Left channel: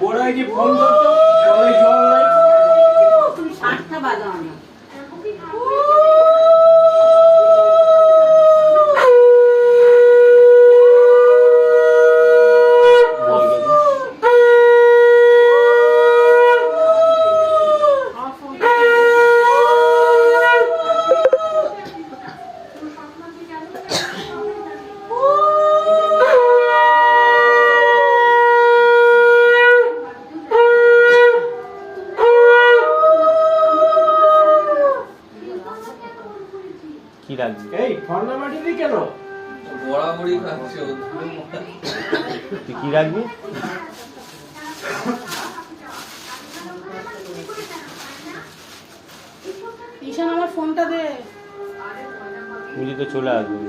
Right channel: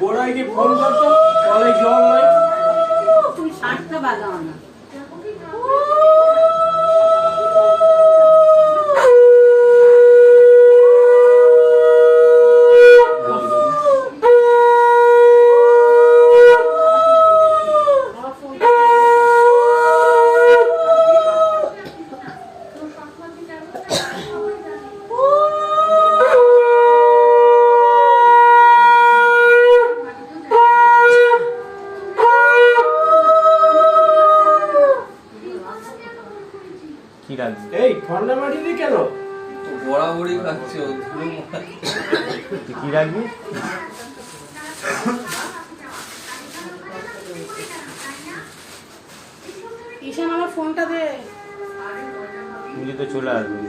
গোড়ায় কি ফোন করছো? কলে জল নাই। তুমি 60টা বাজাও না। কি রাখবি? এই ঠান্ডা মাটি দি কেন? বড়াবড়ি খাচ্ছে কি রাখবি? ঈশান আমার ফোনটা দে। তুই তো চলে আসবি।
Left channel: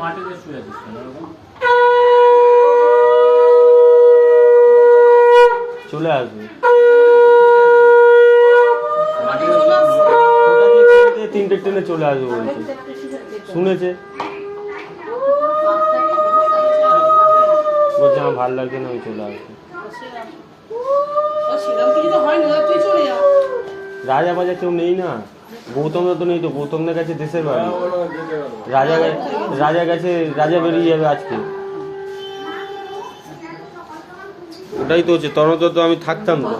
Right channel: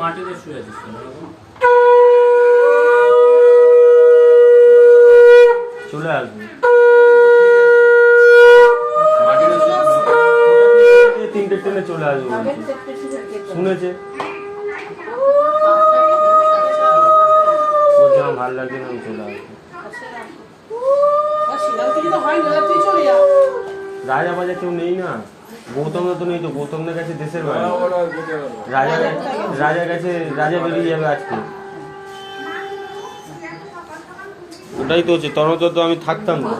মাটিতে শুয়ে আছিস কেন? চলে আসবি। তিনটে ট্রেনে চলে আসবো বলছে, শুনেছে। বলছে আমার ভালো লাগছে না, আমি চলে আসবো। রাজা বাজার কেউ নেই না, গৌতমরা তো নেই তো, গৌতমদের কাছে দেশের বাড়ি। রাজা গেছে, রাজা বেরিয়ে যাবে আজকে। ওটাই তো হচ্ছে, তখন তো আমি থাকতাম না।